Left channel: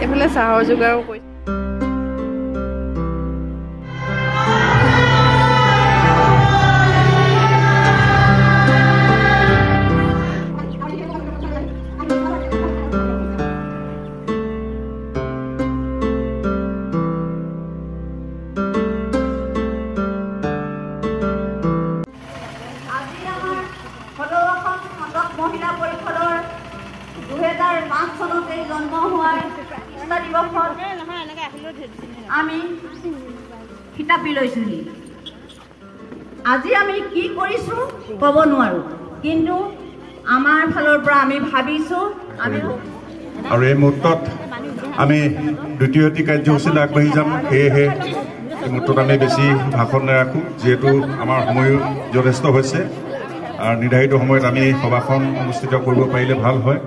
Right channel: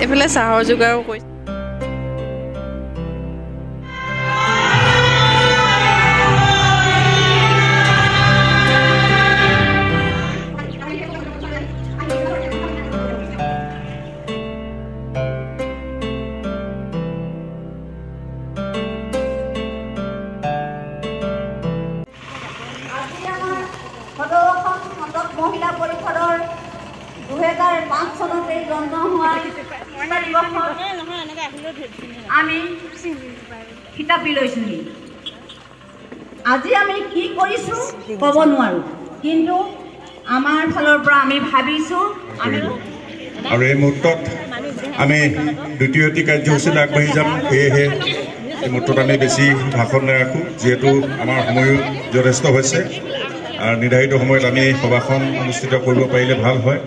এইফালে চাহৰ যোগাৰো কৰিছে। মহিলা পৰিষদৰ 2005 চনতে জন্ম হোৱাৰ দিৱসত আমি কিতাপি লৈছোঁ। আজি আমি কি কৰিছোঁ ক'ব নোৱাৰোঁ, কিন্তু আমাৰ ফালৰ পৰা আমি ভাবিছোঁ আৰু এই মুহূৰ্তত আমি দ্বিতীয়টি কাৰ্যসূচীত আগবাঢ়ি যাম। সেয়েহে এই মুহূৰ্তত আমি বেছি ভাষণ নাৰাখোঁ, যিহেতু আমাৰ সময়ো যথেষ্ট হৈছে আৰু নিৰ্ধাৰিত সময়ত আমি সভাখন অনুষ্ঠিত কৰিব পাৰিলে ভাল হয়।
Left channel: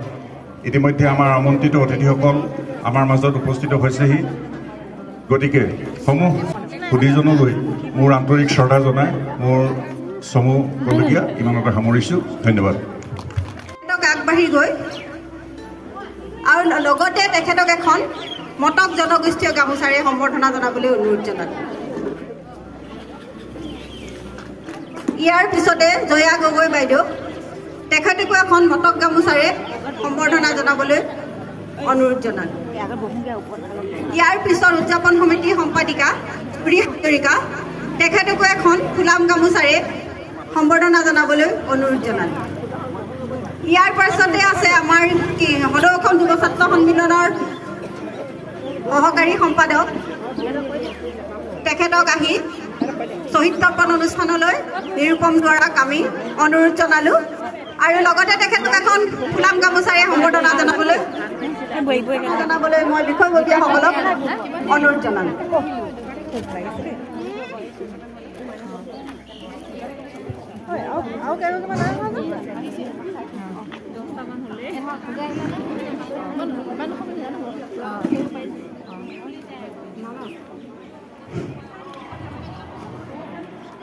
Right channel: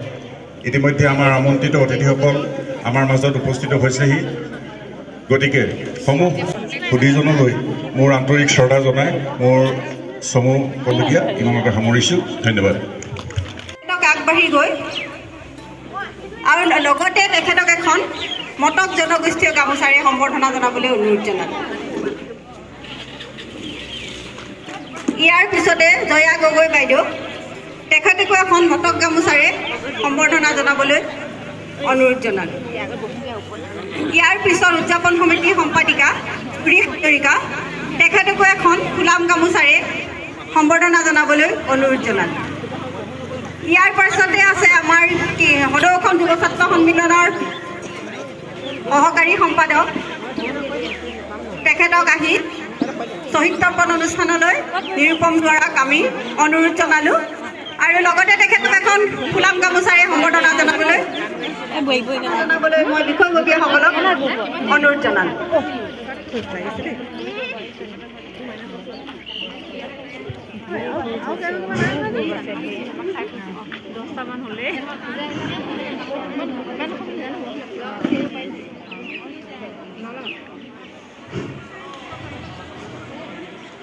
ইতিমধ্যে আমাৰ আমন্ত্ৰিত অতিথিসকল আমাৰ মাজত উপস্থিত হৈছেহি, গতিকে সমূহ সুধীজনলৈ মোৰ আন্তৰিক শ্ৰদ্ধা জনাই মোৰ চমু ক'বলগীয়া ইমানতে সামৰিছোঁ। ধন্যবাদ। আগবাঢ়ি গৈ আৰু লগতে তেখেতক এখন মটক জনগোষ্ঠীয় গামোচাৰে সম্বৰ্ধনা জনাবলৈ অনুৰোধ জনালোঁ। ইয়াৰ পিছতে জয়া গগৈ বাইদেউ তেখেতকো এখন মটক গামোচাৰে সম্বৰ্ধনা জনাবলৈ অনুৰোধ জনালোঁ। ইয়াৰ পিছত উদযাপন সমিতিৰ সম্পাদিকা প্ৰিয় হাজৰিকা তেখেতকো এখন ফুলাম গামোচাৰে সম্বৰ্ধনা জনাবলৈ অনুৰোধ জনালোঁ। ইয়াৰ পাছতে আছে আমাৰ সদৌ অসম যুৱ ছাত্ৰ সন্মিলনৰ সহকাৰী সম্পাদক, তেখেতক আহি শ্বহীদ তৰ্পণ অনুষ্ঠানলৈ নিৰূপম কৰাক আমি অনুৰোধ জনালোঁ আৰু লগতে তেখেতক এখন ফুলাম গামোচাৰে সম্বৰ্ধনা জনাবলৈ মই বিষয়ববীয়াসকলক অনুৰোধ জনালোঁ।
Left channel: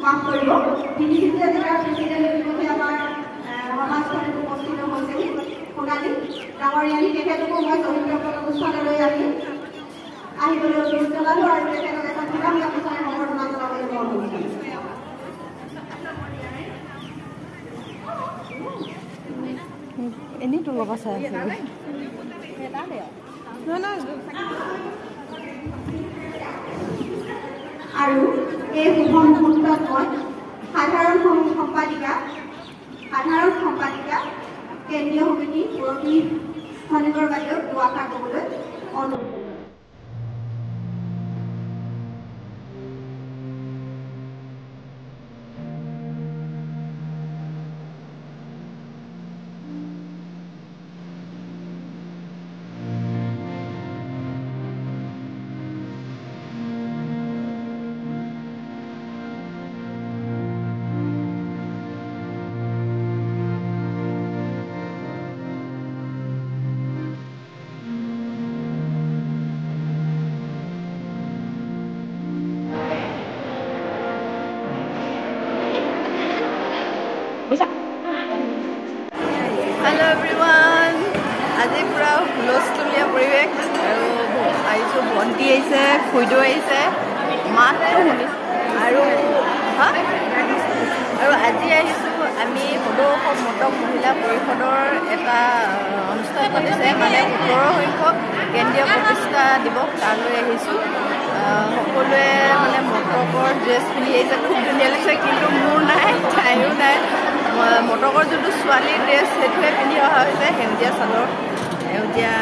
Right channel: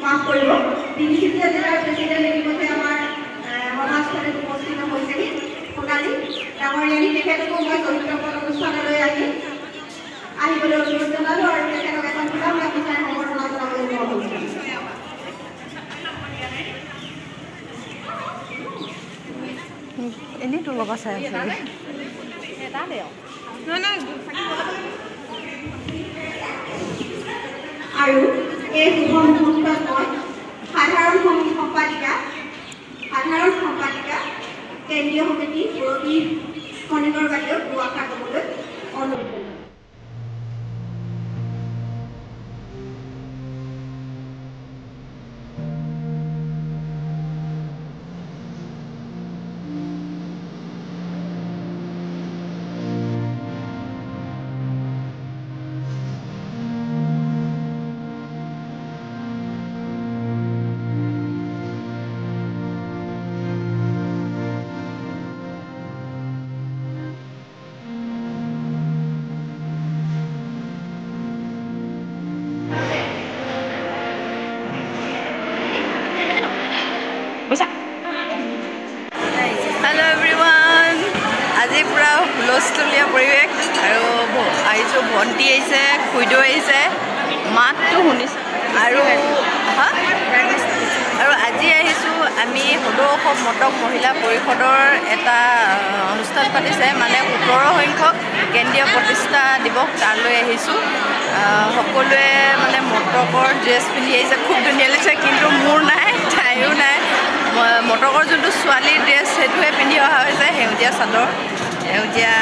মাফ কৰিব, তিনিচুকীয়া জিলাৰ প্ৰেচিডেণ্ট ইতিমধ্যে আমাৰ সমাজখনত উপস্থিত হৈছেহি। সোণালী ডাঙৰীয়ানী তেখেতকো মই শ্বহীদ তৰ্পণ অনুষ্ঠানলৈ আহিবলৈ অনুৰোধ জনালোঁ আৰু তেখেতক এখন ফুলাম গামোচাৰে সম্বৰ্ধনা জনাবলৈ অনুৰোধ জনালোঁ। এনেই তোৰ লগত চাই আছে আৰু এই শুভ মুহূৰ্তত মই সাধাৰণ সম্পাদিকা কেন্দ্ৰীয় সমিতি মুৰব্বী খনিকৰ বাইদেউ দুআষাৰ ক'বলৈ অনুৰোধ জনালোঁ। হেল্ল' এভৰিৱান, আজি পূৰা হুলস্থুলীয়া পৰিৱেশ আৰু আহিছোঁ। ভণ্টি আহিছে, খুইদেউ আহিছে, মাতটো শুনিছোঁ আৰু আজি আহিছোঁ আমি সদৌ অসম মটক মহিলা পৰিষদৰ এটা অনুষ্ঠান পাতিছে, মানে 17 সংখ্যক কেন্দ্ৰীয় প্ৰতিষ্ঠা দিৱস, তালৈ আহিছোঁ। সকলোৱে মানে মটকৰ ড্ৰেছ পিন্ধি আহিছে, খুব ধুনীয়া লাগিছে, কিন্তু মোৰ নাই, তাইৰো নাই। মটকৰ যোনটো ছোৱালীৰ ড্ৰেছ সেইটোহে পিন্ধি অহা হৈছে, সেউজীয়া চাদৰ, সেউজীয়া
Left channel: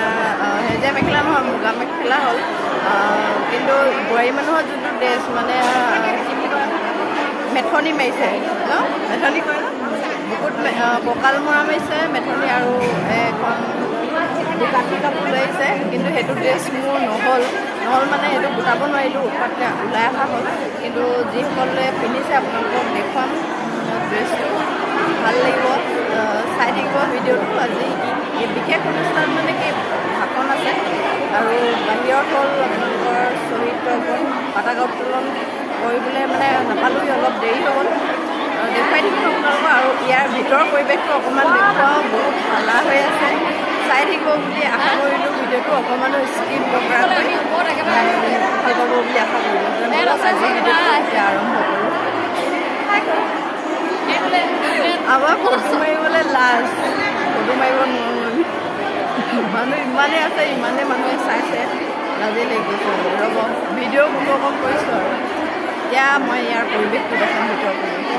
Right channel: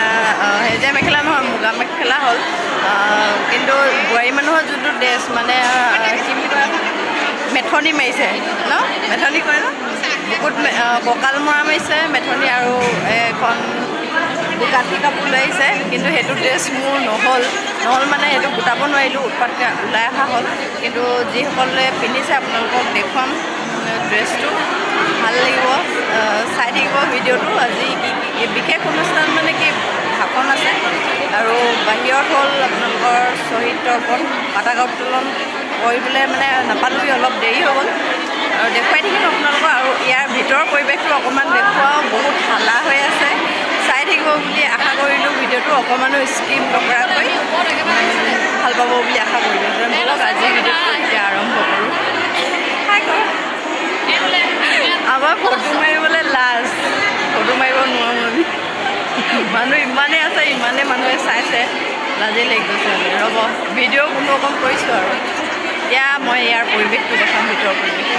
মেখেলা নহয়, মুগা মেখেলা হ'ল। কিন্তু বোৱাৰী মানুহৰ যোনটো ড্ৰেছ মানে কি বুলি কয়, মেথনি মাৰিছে ন, মেথনি কয় ন, বুকুত কঁকাল মৰা মাৰিছে মেথনি আৰু এখন কাঠি কাপোৰ লৈ আহিছে। কিন্তু সেইটো ড্ৰেছ মোৰ নহ'ল মানে সেইটো গোটাব নোৱাৰিলোঁ, উৎপাতকৈ ওলাই অহা হ'ল। কিন্তু যিসকলে পিন্ধিছে আপোনালোকক দেখুৱাম ড্ৰেছটো, ভাল লাগিব, চাই থাকিব ভিডিঅ'টো। আজি কি বিশেষ অনুষ্ঠান মানে কি ভাষণ আছে আৰু বাহিৰত হ'ল আপোনালোকৰ শ্বহীদ তৰ্পণ পতাকা উত্তোলন কৰিবলৈ মানে নাপালোঁহি, অলপ দেৰি হৈ গ'ল আৰু দেখুৱাই থাকিম আপোনালোকক। আৰু ইয়াৰ ভিতৰৰ পৰিৱেশটো অকণমান দেখুৱাওঁ, বহুত হালা হৈ আছে, চাই থাকিব বুলি আশা কৰিলোঁ ভিডিঅ'টো অকণমানো স্কিপ নকৰাকৈ ভাল পাব বুলি আশা কৰিলোঁ ব'লক আজি ভিডিঅ'টো এতিয়া আৰম্ভ কৰোঁ আমাৰ ফটো মাৰিবলৈ লাজ ফটো মাৰিব নোৱাৰোঁ আমি মানুহ ইমানেই আছে ইমানেই মানুহে চাইছে লাজেই লাগি গৈছে ৰ'ব ভিডিঅ' কোনো অকণ কৰিছোঁ আৰু এতিয়া মই ইয়াৰ পৰিৱেশটো দেখাম ভিতৰৰ পৰিৱেশ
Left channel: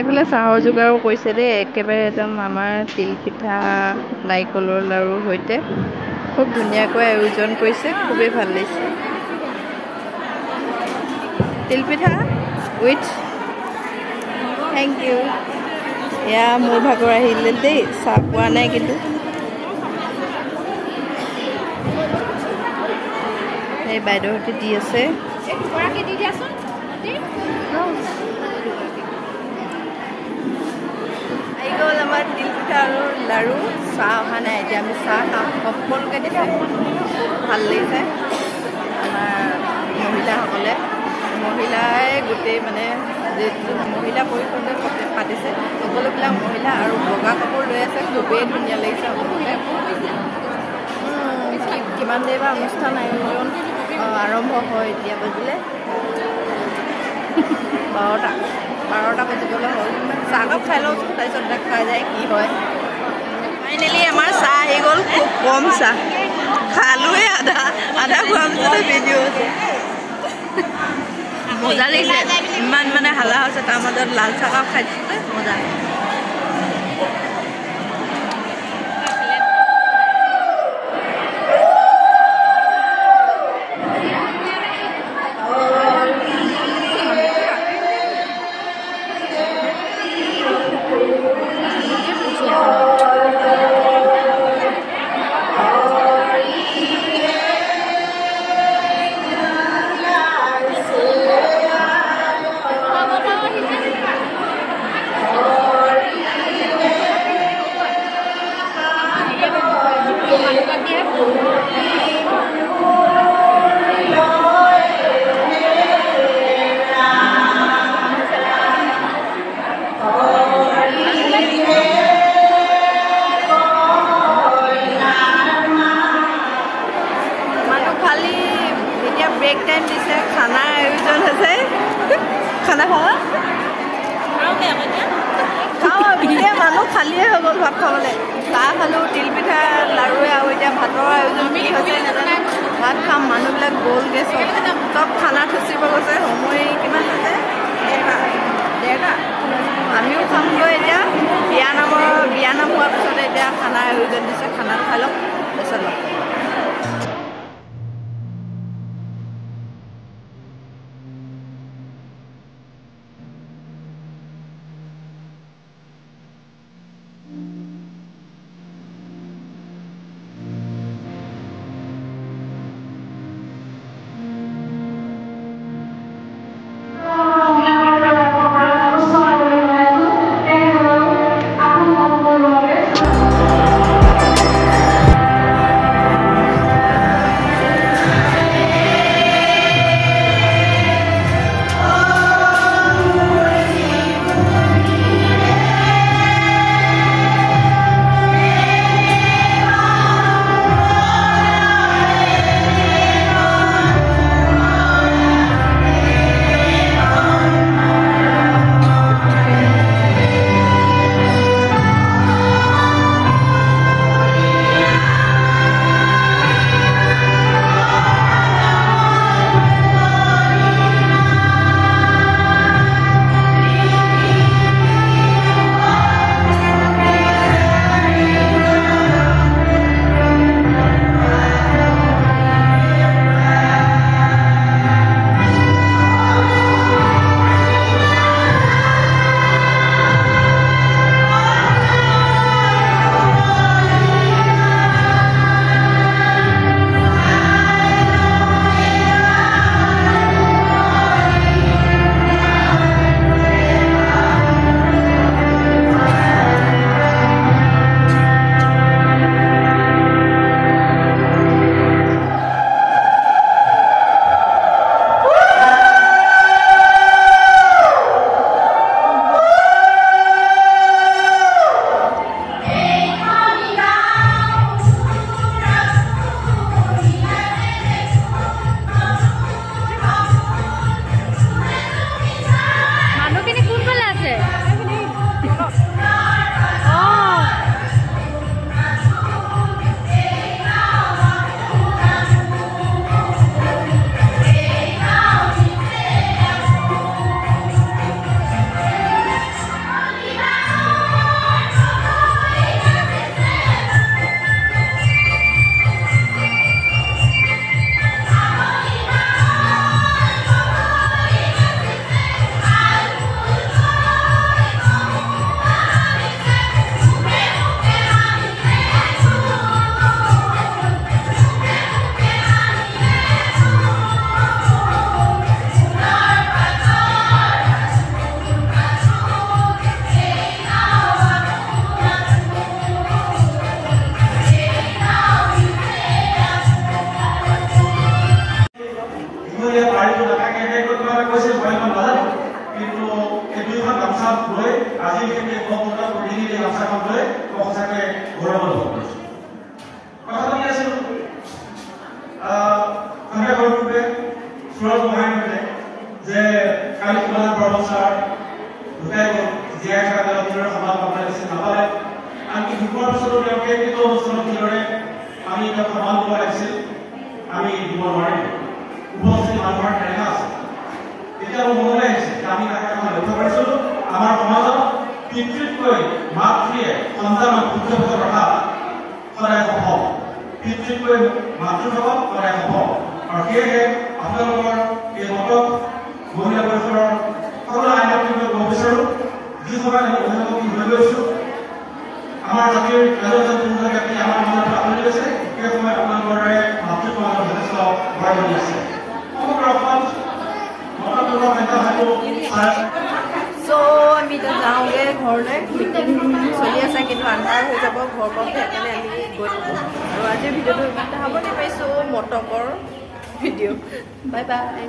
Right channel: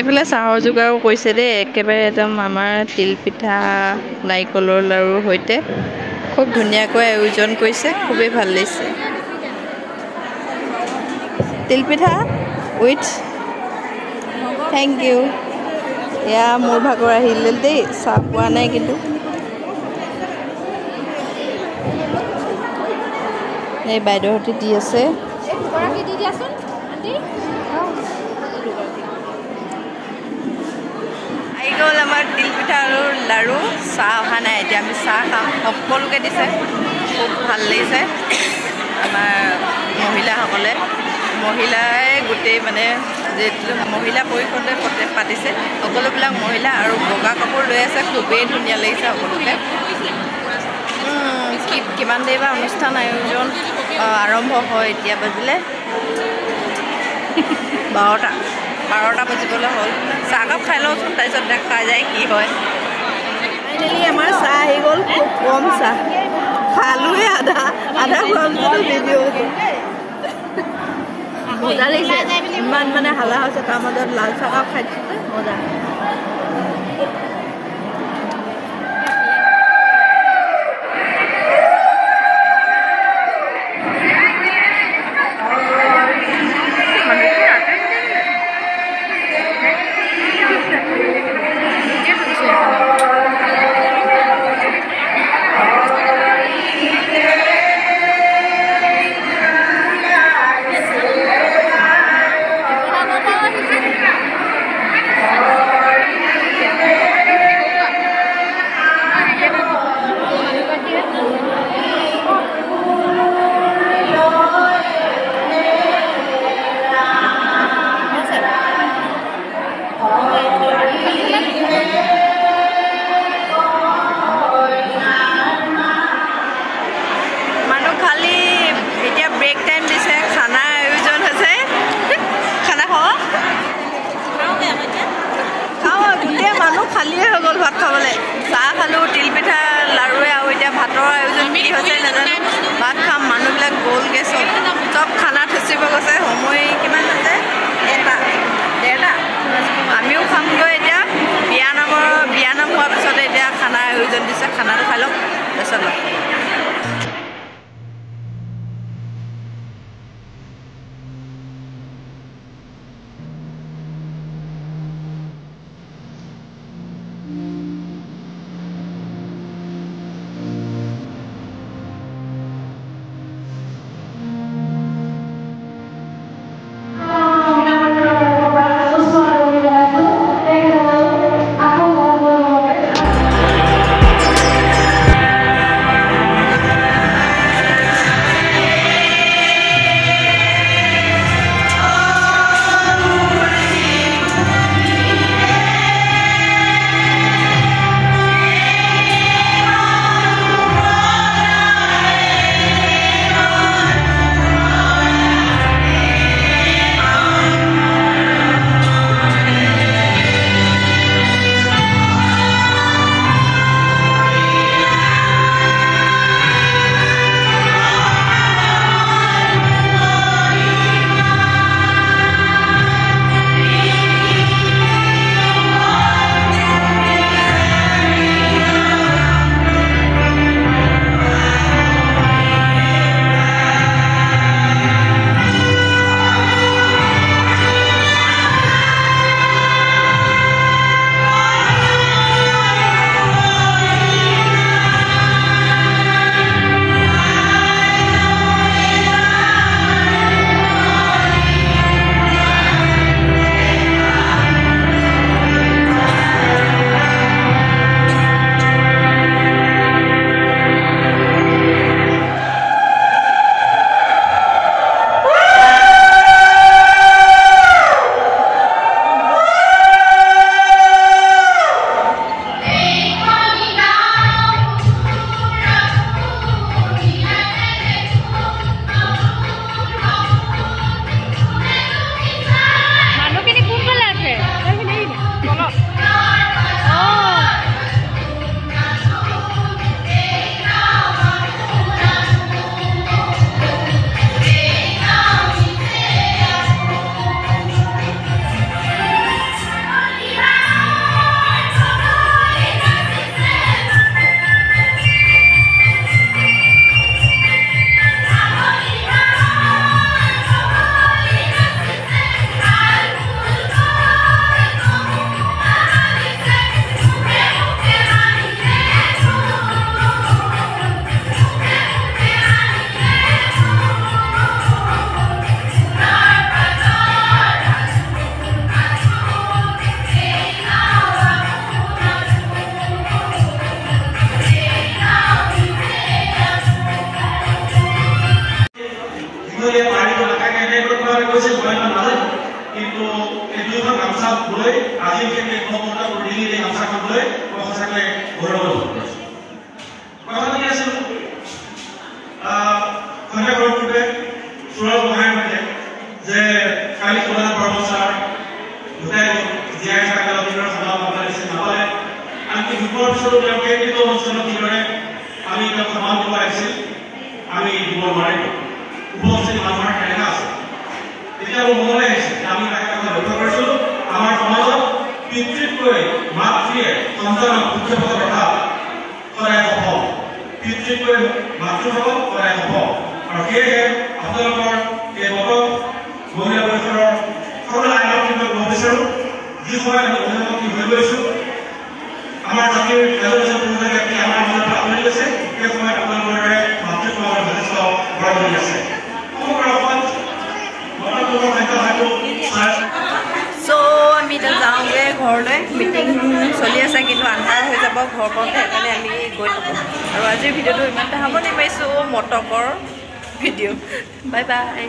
এইফালে চাহৰ যোগাৰো কৰিছে দেই একেবাৰে একদম আমাৰ তিলপিঠা নাৰিকলৰ লাড়ুৰ সৈতে খুব ধুনীয়াকৈ আয়োজন কৰিছে খুবেই ভাল লাগিছে তিলপিঠা উইথ থেংক ইউ এয়া মোৰ ভাগৰ আহিলে দেই চাহ পোৱা নাই কিন্তু এই বাইদেউহঁতে দি আছে গ'ল আমাৰ তিলপিঠা আৰু লাড়ু চাহ অহা নাই এতিয়া আমি চাহ খাম সকলোকে দিছে খুব ভাল লাগিছে আমাৰ মহিলাসকলে মহিলাই গোটেই মানে যিটো মহিলা পৰিষদে পাতিছে সকলোবিলাক মহিলা আৰু বগা কাপোৰ লৈ আছে খুবেই ধুনীয়া লাগিছে সকলোকে কিমান দেৰি বা অনুষ্ঠান আয়োজন আৰম্ভ হয় এতিয়া বাজিলে 12টা বাজিবলৈ হ'ল চাহকাপ খাই লওঁচোন তাৰপিছত দেখা যায় কি হয় ফাইনেলি আমাৰ চাহ আহি গ'ল খুব কম চাহ খালোৱে আধা খোৱাৰ পিছতে ভিডিঅ' আছে মজা লাগিছে ইমান মানে হালা হৈছে তাৰ মাজত লাল চাহকাপ খাই দিছোঁ মজা ব্ৰেক টাইম দিছে খানা আয়োজন হৈছে খানা খাওঁ গোটেই মানুহ খালিয়ে হৈ গ'ল ভাত খাবলৈ চাহ খালোঁ তিলপিঠা লাড়ুৱে আৰু এতিয়া ভাতৰ আয়োজন কি হৈছে নাজানো ভাত খাম মানুহবিলাক গ'লগৈ চব খানা থচিব গৈছে সময় কিমান আছে 1:30 আমিও খামগৈ এতিয়া বিয়ানাম হোৱাৰ পিছতে এতিয়া খানা আয়োজন দিছে খানাটো খাই লওক তাৰপিছত লওক মই ইমান নাজানো কিন্তু এই দুইখন গামছা লৈ আজি বিশেষকৈ গণতন্ত্ৰ প্ৰতিনিধি এই গামছাখন লৈ মই সঁচাকৈ গৌৰৱ অনুভৱ কৰিছোঁ কথা পাতি আছিলোঁ সন্ধিয়া কৰোঁতে সুৰজ গোহাঁই কৈছে যে কালি সমাধান কৰ্মচাৰ দুটাই জীয়াই থকা দিনৰ সমাধান আপোনাৰ দিছে নাপালে আনকি দুপৰ পিছতো তেওঁক কেন্দ্ৰীয় অনুষ্ঠানত যিদৰে আমি তেওঁক সন্মান দিব লাগিছিল আমি দিব নোৱাৰিলোঁ উপস্থিত মানুহৰ কেনেকুৱা আছে এতিয়া মোৰ মনলৈ আহিছে যে আমি তাকে লক্ষ্য কৰিছিলোঁ আমাৰ সমাজত পিতৃতকৈ মাতৃয়ে সন্তানক উৎক্ষেপত প্ৰভাৱ সদায় সফল পিতৃতকৈ মাতৃভাৱত সদায় সফল আৰু সেয়েহে আপোনালোকৰ এই মতক মহিলা পৰিষদৰ সকলো আইনত কিন্তু ক'ব বিচাৰোঁ যি সময়ত আমি অভিভাৱক হৈ গৈছোঁ আমাৰ জাতিৰ এজন পুৰুষ ব্যক্তি আমাৰ মাজৰ পৰা আঁতৰি গৈছে সেই সময়ত আপোনালোকৰ দৰে মাতৃসমাজৰ যথেষ্ট বৰঙণি আছে সমগ্ৰ অসমত মতামতৰ সংখ্যা হয়তো চ' আমি এতিয়া যাওঁগৈ ঘৰলৈ মিটিং চলি আছে কিন্তু আন্ধাৰ হৈ যাব ঘৰ পাওঁতে সেইকাৰণে আমি গৈ থাকোঁ আৰু আজিৰ ভিডিঅ'টো ইমানতে সামৰণি মাৰিছোঁ মটকৰ ভিডিঅ' বাই বাই